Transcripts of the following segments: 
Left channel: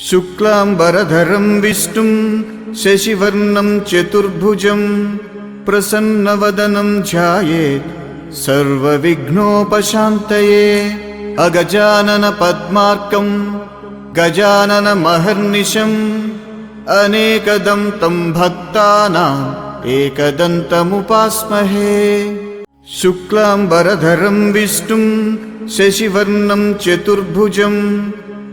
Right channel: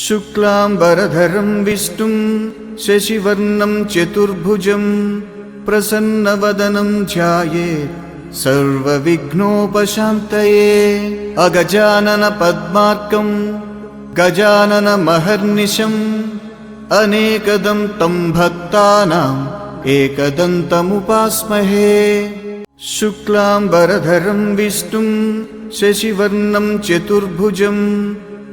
शुक्लांबरधरं विष्णुं शशिवर्णं चतुर्भुजं प्रसन्नवदनं ध्यायेत् सर्वविघ्नोपशान्तये। अगजानन पद्मार्कं गजाननमहर्निशम् अनेकदं तं भक्तानाम् एकदन्तमुपास्महे। शुक्लांबरधरं विष्णुं शशिवर्णं चतुर्भुजं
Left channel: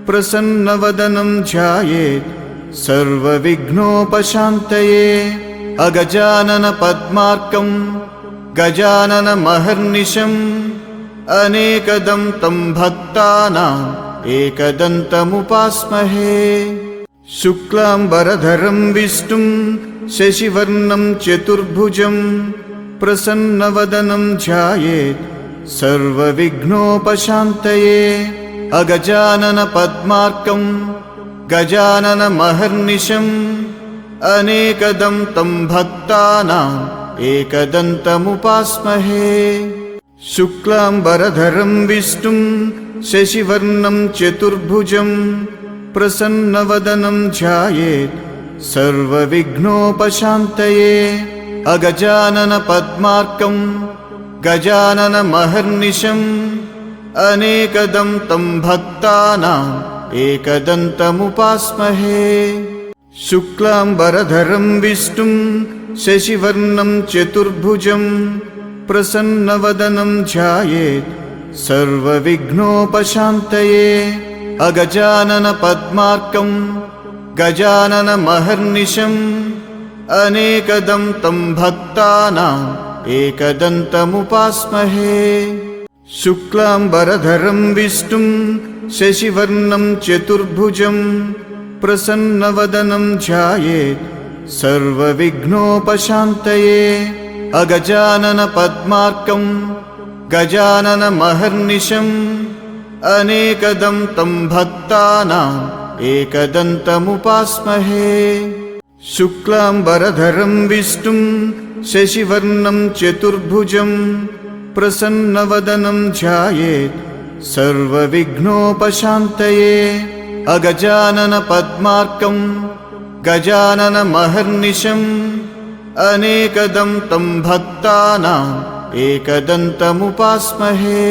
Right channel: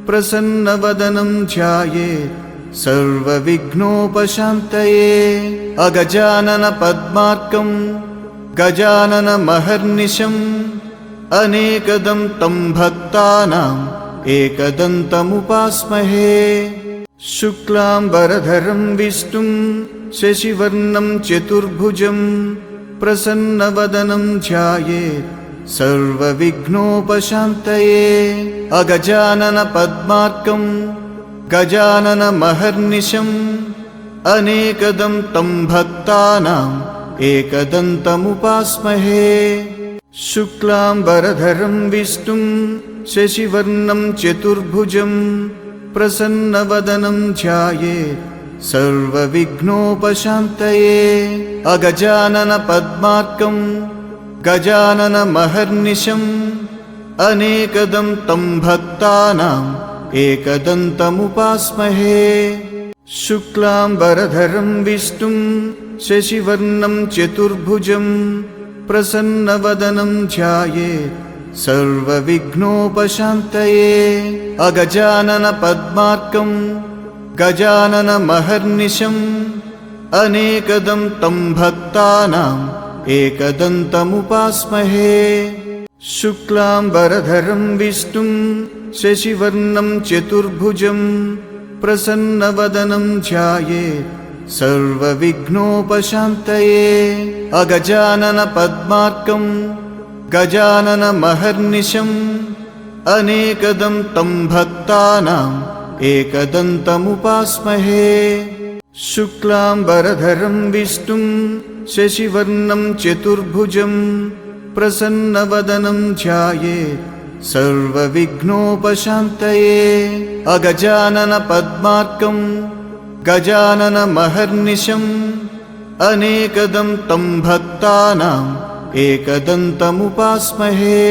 प्रसन्नवदनं ध्यायेत् सर्वविघ्नोपशान्तये। अगजानन पद्मार्कं गजाननमहर्निशम् अनेकदं तं भक्तानाम् एकदन्तमुपास्महे। शुक्लांबरधरं विष्णुं शशिवर्णं चतुर्भुजं प्रसन्नवदनं ध्यायेत् सर्वविघ्नोपशान्तये। अगजानन पद्मार्कं गजाननमहर्निशम् अनेकदं तं भक्तानाम् एकदन्तमुपास्महे। शुक्लांबरधरं विष्णुं शशिवर्णं चतुर्भुजं प्रसन्नवदनं ध्यायेत् सर्वविघ्नोपशान्तये। अगजानन पद्मार्कं गजाननमहर्निशम् अनेकदं तं भक्तानाम् एकदन्तमुपास्महे। शुक्लांबरधरं विष्णुं शशिवर्णं चतुर्भुजं प्रसन्नवदनं ध्यायेत् सर्वविघ्नोपशान्तये। अगजानन पद्मार्कं गजाननमहर्निशम् अनेकदं तं भक्तानाम् एकदन्तमुपास्महे। शुक्लांबरधरं विष्णुं शशिवर्णं चतुर्भुजं प्रसन्नवदनं ध्यायेत् सर्वविघ्नोपशान्तये। अगजानन पद्मार्कं गजाननमहर्निशम् अनेकदं तं भक्तानाम् एकदन्तमुपास्महे। शुक्लांबरधरं विष्णुं शशिवर्णं चतुर्भुजं प्रसन्नवदनं ध्यायेत् सर्वविघ्नोपशान्तये। अगजानन पद्मार्कं गजाननमहर्निशम् अनेकदं तं भक्तानाम् एकदन्तमुपास्महे।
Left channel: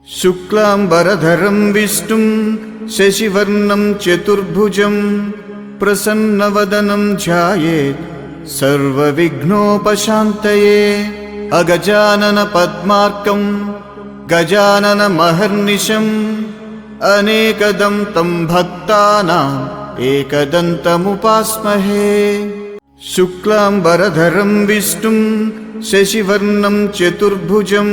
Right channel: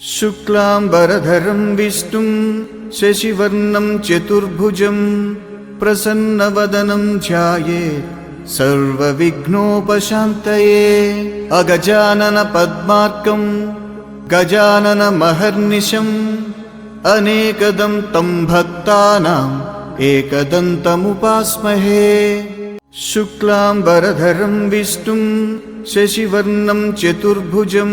शुक्लांबरधरं विष्णुं शशिवर्णं चतुर्भुजं प्रसन्नवदनं ध्यायेत् सर्वविघ्नोपशान्तये। अगजानन पद्मार्कं गजाननमहर्निशम् अनेकदं तं भक्तानाम् एकदन्तमुपास्महे। शुक्लांबरधरं विष्णुं शशिवर्णं चतुर्भुजं